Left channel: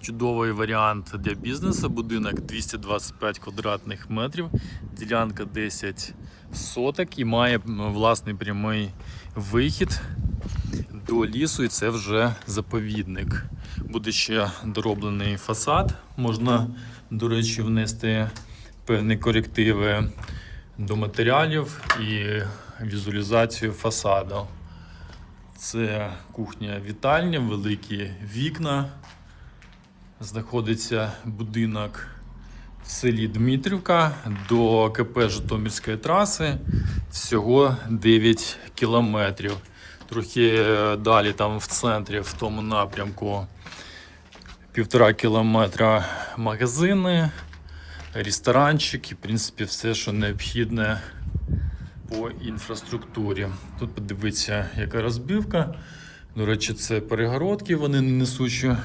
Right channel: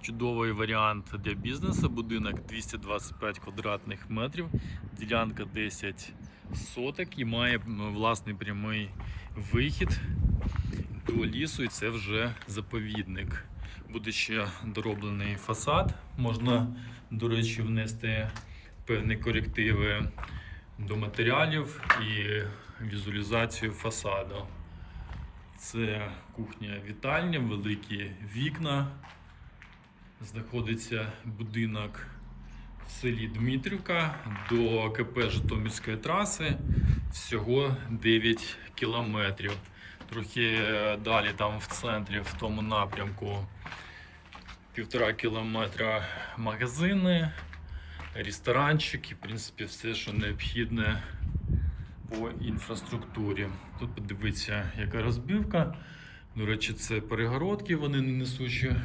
чудовий варіант для бізнесу. Будинок 225 квадратних метрів, ділянка 10 соток і має власний прямий вихід до лісу, і це вже заповідник. Буде ще дороблений фасад. Можна, до речі, внести певні корективи до матеріалів і візуалізацію фасаду. Це кухня вітальня, великі вікна. Знаходиться будинок в селі Дмитрівка до КП Житомирської траси. Всього 9 кілометрів. Трохи е, далі, там в центрі, в тому напрямку, півтора кілометра магазини, ресторанчик і, в принципі, все, що необхідне по інфраструктурі. Тут подивіться, яка розбивка. До речі, це перегородки, вони не несучі.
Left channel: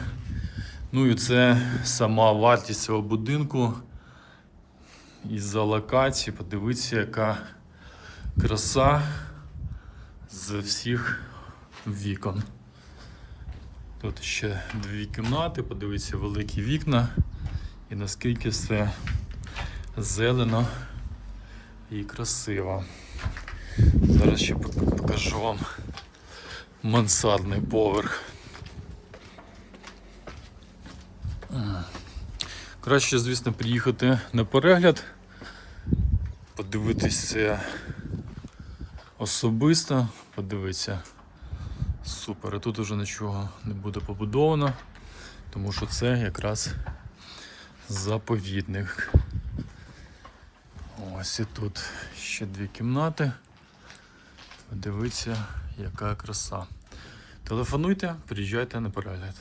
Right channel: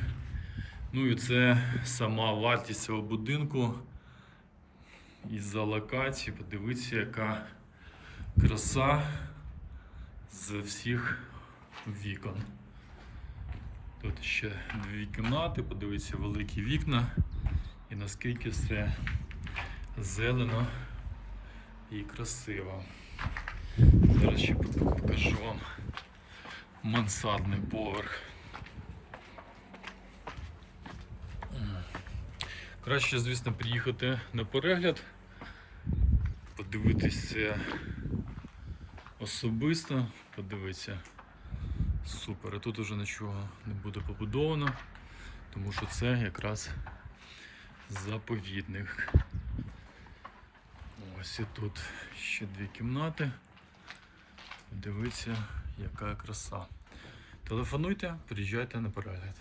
Ну і це сама вартість цього будинку. Із-за локації, подивіться, яка краса з всіх вікон. Тут ще дві кімнати, подивіться, великі вікна. І наскільки все зелено і красиво. Зараз ще покажу вам мансардний поверх. Краще, звісно, приїхати на перегляд, подивитись це особисто, подивитися. Супер, а тут уже нічого не буде побудовано, тому що це якраз заповідник. Ось і тут ще дві кімнати. Подивіться, яка краса. Телефонуйте, приїжджайте на перегляд.